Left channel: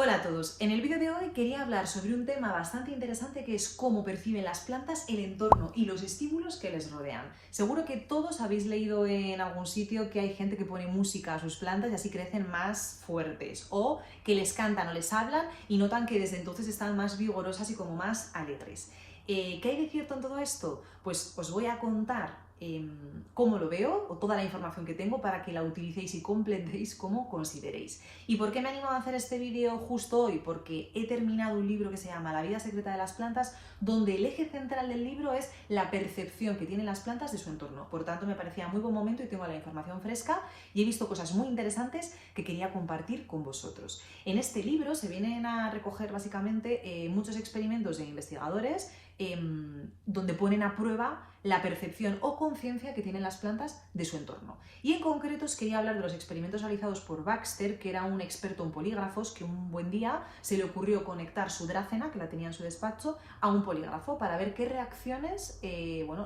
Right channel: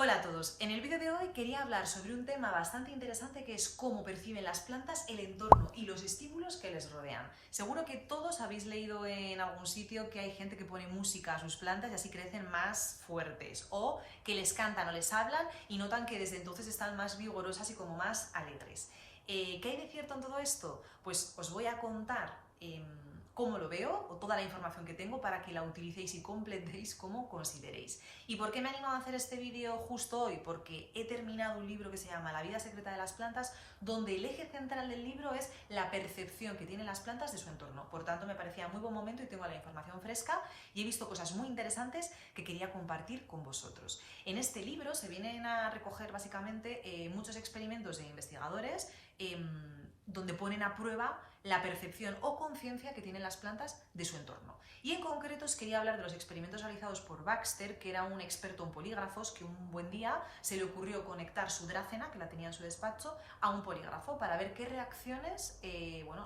Hola a todos, en el vídeo de hoy quería hablar sobre un tema bastante interesante que es cómo perciben las plantas el entorno y los estímulos que les rodean. Seguro que todos habéis leído en algún sitio que hay gente que pone música a sus plantas y así crecen más fuertes, o que les cantan o les hablan y notan que desde entonces están más vigorosas y como más alegres. ¿Qué hay de cierto en todo esto? Pues os voy a contar cómo lo veo o toda la información que tengo para que la utilicéis y completéis como consideréis. ¿Y por qué me he animado a hacer este vídeo justo hoy? Porque he terminado un libro que se llama La vida secreta de las plantas, donde el eje central del libro es la percepción que tienen las plantas de su entorno. Por tanto, me parecía muy buen momento y tengo la información fresca y he visto cosas muy interesantes que quería compartir con vosotros. En este libro se vienen a recoger básicamente muchos experimentos de investigadores donde ponen a prueba la percepción o conciencia que tienen las plantas de su entorno. Y en concreto os quería hablar de los experimentos realizados por Baxter, que era un experto en polígrafos, que un buen día se le ocurrió conectar su Drácena, que la tenía en su despacho, a un polígrafo para ver qué reacciones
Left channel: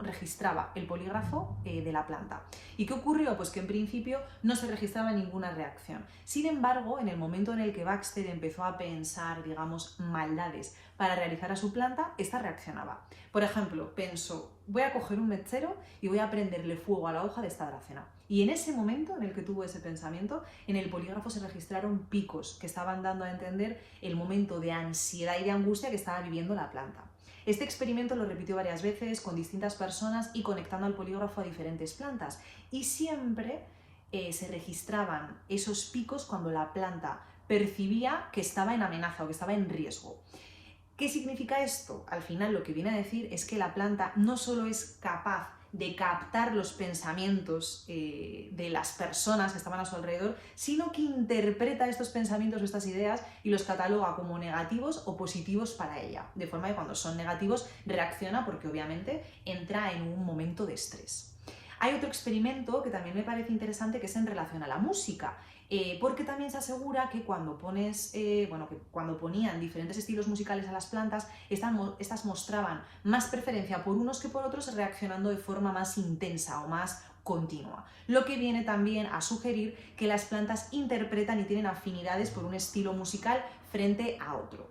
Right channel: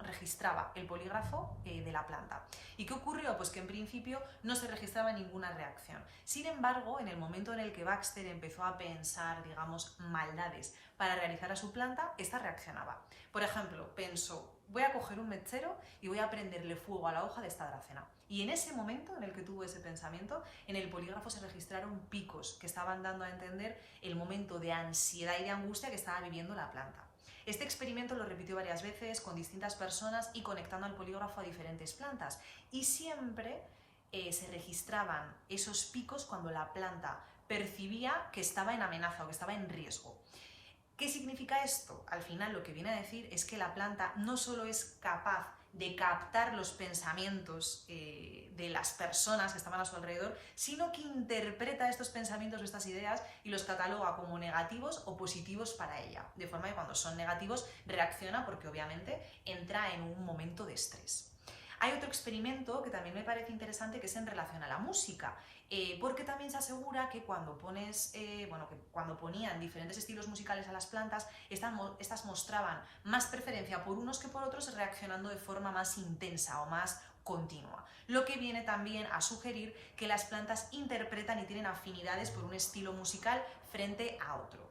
registraba el polígrafo de la planta. ¿Y qué ocurrió? Pues que en principio no se registraba ninguna reacción. Sin embargo, en el momento en el que Baxter empezó a pensar, digamos, maldades para realizar a su planta, esta reaccionaba. Por ejemplo, pensó: voy a coger un mechero y voy a prenderle fuego a la hoja de esta Drácena. Y en ese momento en el que tuvo ese pensamiento, en el polígrafo se registraron picos que estaban dando a entender el momento de ansiedad y de angustia que estaba viviendo la planta. Este experimento lo repitió varias veces con distintas personas y conectando al polígrafo a diferentes plantas. Y siempre se registraban esos picos cuando la planta percibía que estaba en amenaza o que estaba en riesgo. ¿Qué significa esto? Al final lo que viene a decir es que la planta no solo es capaz de captar los pensamientos de las personas que estaban a su alrededor, sino que interpreta estos pensamientos o estas ideas y los cataloga como negativos o positivos para ella. De forma que cuando son negativos reacciona porque obviamente entra en un momento de estrés. Hay otro experimento que también me parece interesante, que es en relación a la música, porque también se asegura que cuando cuando ponían diferentes estilos musicales a las plantas, estas mostraban más preferencia por unos que por otros, reaccionando de forma más intensa o más continua, lo que viene también a sugerir que las plantas interpretan y tienen afinidades por un estilo musical frente a otro.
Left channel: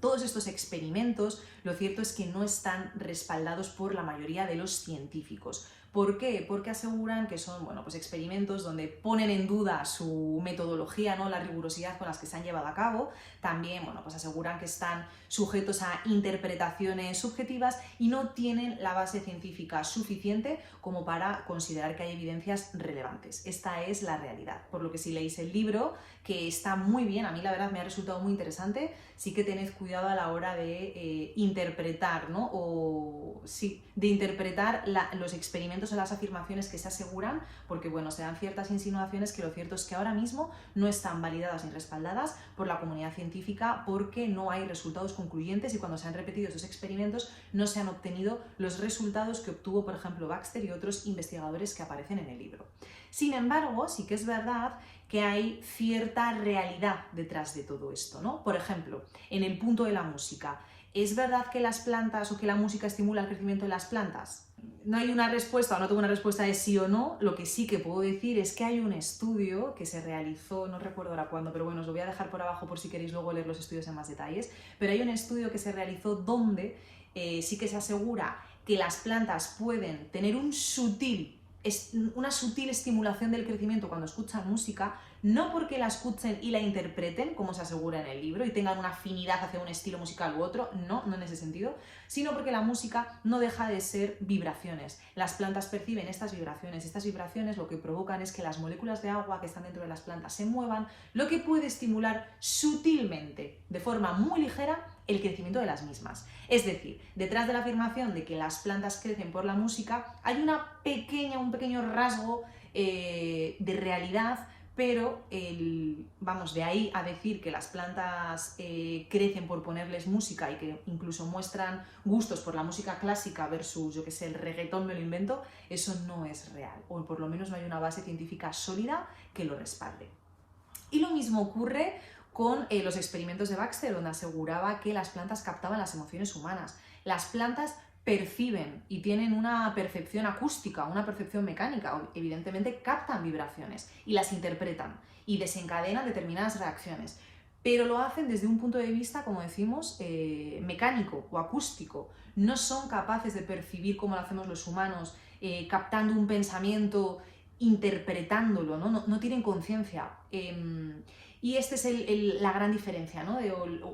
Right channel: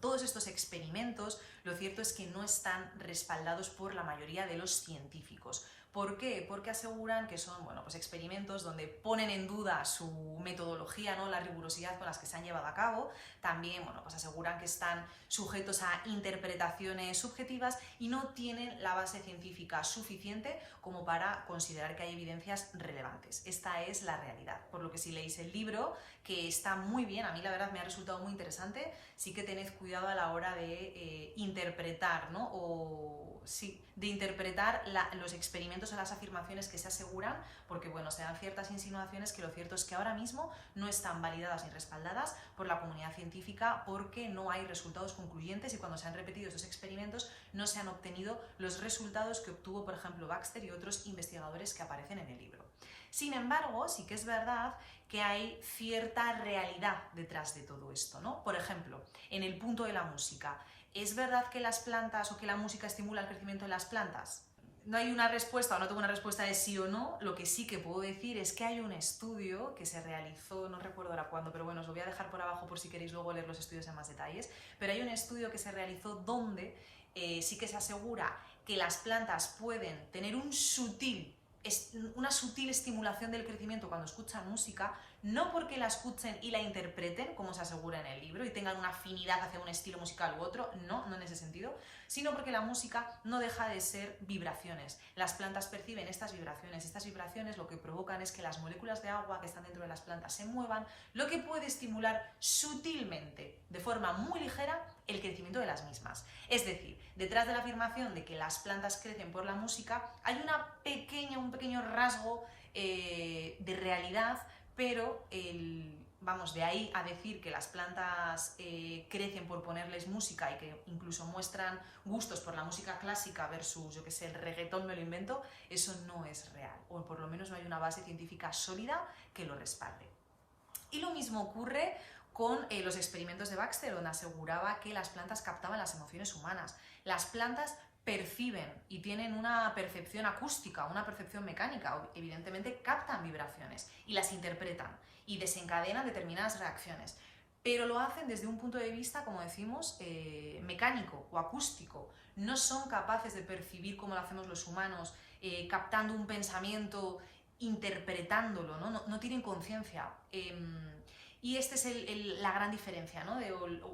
Todos estos experimentos, lo cierto es que no están respaldados por la mayoría de los científicos. ¿Por qué? Porque aseguran que son experimentos donde ponen en duda su metodología, ¿no? La rigurosidad con las que se han llevado a cabo. También aseguran que están sujetos a interpretaciones subjetivas y no tienen la base científica suficiente como para considerar que hay evidencias relevantes. Esta es la realidad. Por lo que si leéis el libro, que está muy bien, a mí la verdad me ha resultado muy interesante, sí que tened cuidado a la hora de interpretar, ¿no? De interpretar los experimentos o las afirmaciones que se aseguran, porque se dan ciertas insinuaciones que lo cierto es que ahora mismo no están validadas ni respaldadas por la comunidad científica, porque no hay resultados concluyentes y cuando se han repetido estos experimentos no se han obtenido los resultados que obtuvo, por ejemplo, Baxter y otros investigadores que aparecen en el libro. Sin embargo, sí que es verdad que hay cierta realidad detrás de todo esto, ¿no? Por ejemplo, en el punto de la música, ¿es verdad que las plantas o que la música estimula el crecimiento de las plantas? No hay una respuesta o no tengo una respuesta de sí o no. Lo que sí que puedo decir es que hay un estudio que se realizó, no recuerdo ahora cuándo, pero bueno, os lo voy a dejar por abajo por si queréis luego leer los estudios en más detalles, pero hay un estudio que se realizó donde sí que se asegura que las plantas pueden tener una sutil estimulación del crecimiento cuando escuchan música, no porque la escuchen y la interpreten, como se asegura en el libro, y tengan una afinidad hacia un estilo musical u otro, no en ese sentido, sino porque la música no deja de ser vibraciones. Las plantas perciben estas vibraciones lo que provocan es que las moléculas de agua que están dentro de las plantas se muevan, lo que puede estimular sutilmente, de forma muy ligera, el crecimiento de las mismas. Es decir, detrás de la afirmación de que las plantas crecen por la música hay un pequeño rasgo de realidad, pero de ahí a decir que las plantas crecen por ponerles música y que incluso muestran gustos por la música clásica versus, yo que sé, el reggaetón, me lo invento, eso no es real, o por lo menos no hay una base científica sólida que lo respalde. Y lo mismo ocurre con los experimentos de Baxter, donde aseguraba que las plantas captaban las emociones humanas. Las plantas perciben y tienen una percepción acústica, una percepción mecánica, evidentemente captan vibraciones y las interpretan y desencadenan determinadas reacciones. pero lo hacen desde un punto de vista, como decimos, mecánico o acústico. No son capaces de percibir como lo hacemos los humanos, captando un pensamiento, interpretándolo, ¿no? No tienen conciencia. Y esta es la gran diferencia, ¿no?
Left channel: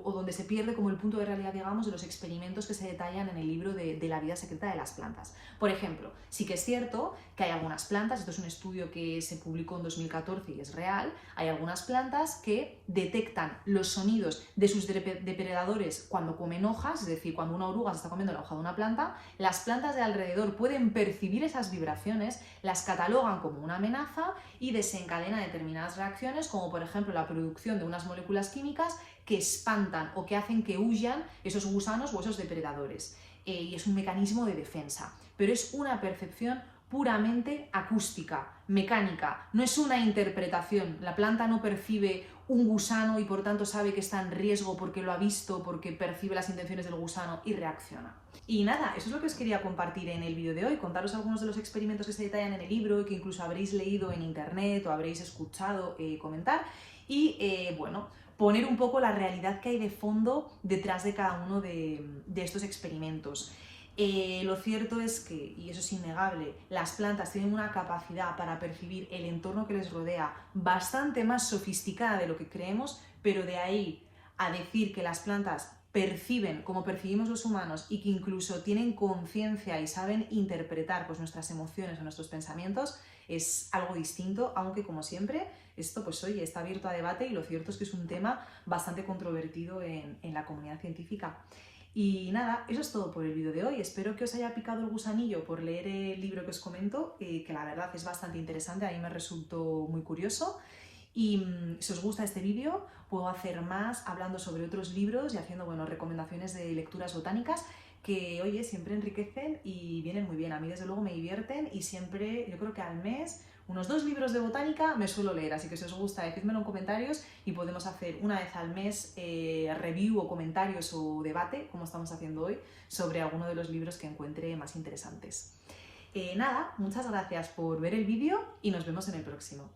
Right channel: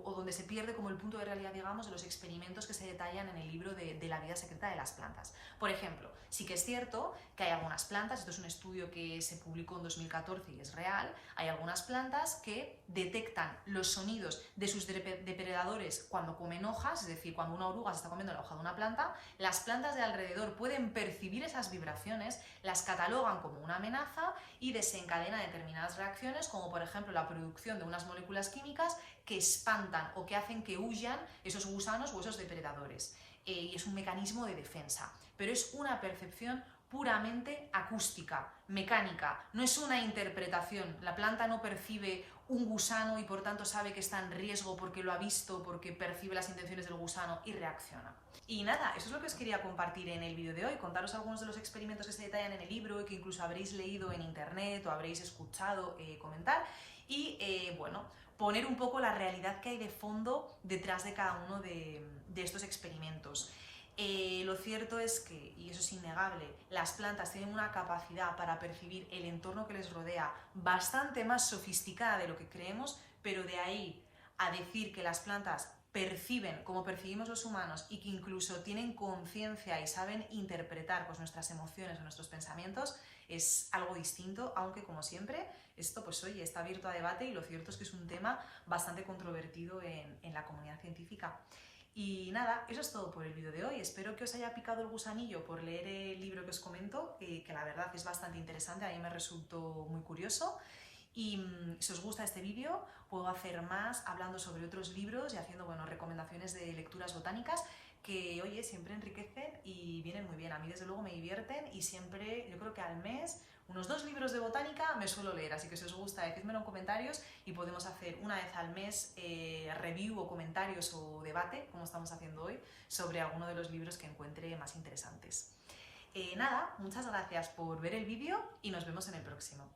O donde se pierde como el punto de realidad, digamos, de los experimentos que se detallan en el libro de La vida secreta de las plantas. Por ejemplo, sí que es cierto que hay algunas plantas, esto es un estudio que se publicó en 2014 y es real, hay algunas plantas que detectan los sonidos de sus depredadores cuando comen hojas, es decir, cuando una oruga se está comiendo la hoja de una planta, las plantas de alrededor pueden percibir esas vibraciones, las catalogan como una amenaza y desencadena determinadas reacciones, como por ejemplo la producción de unas moléculas químicas que espantan o que hacen que huyan esos gusanos o esos depredadores. Y es un mecanismo de defensa, pero es una percepción puramente acústica, mecánica, no es una interpretación. La planta no percibe un gusano y por tanto sabe que está en riesgo porque lo ha visto, porque percibe las intenciones del gusano y reacciona. Y nada, eso es lo que os quería compartir en el vídeo de hoy, contaros algunos de los experimentos que se detallan en el libro y que incluso habréis leído en internet o habréis escuchado comentar y bueno, poner un poco la realidad que hay de fondo detrás de cada uno de estos experimentos. Lo cierto es que, y eso es innegable, las plantas tienen una capacidad para percibir el entorno que les rodea bastante más sofisticada de lo que creemos, pero de ahí a decir que las plantas perciben como percibimos los humanos y que incluso tienen conciencia y saben interpretar pues, nuestras emociones o nuestros pensamientos, es algo distinto, aunque como siempre, esto pues oye, está abierto a debate y lo cierto es que es un tema bastante controvertido en la comunidad científica. Y nada, eso es todo por el vídeo de hoy. Espero que os haya picado el gusanillo por leer el libro que os comento, que la verdad es bastante interesante, a mí me resultó muy curioso. Y si os gusta este vídeo, puedo hacer más hablando sobre otros libros y haciendo bueno, recomendaciones de lecturas botánicas que, oye, siempre enriquecen y vienen muy bien. A mí, desde luego, me divierten y siempre, yo creo que al mes, unos 2 libros de botánica me suelo leer. Así que si os gusta, decídmelo en comentarios y podemos hacer una vez al mes review o comentarios o debate, como estamos haciendo hoy, sobre alguno de los libros que encuentre más interesantes. Nada, muchas gracias por ver el vídeo y nos vemos en el próximo.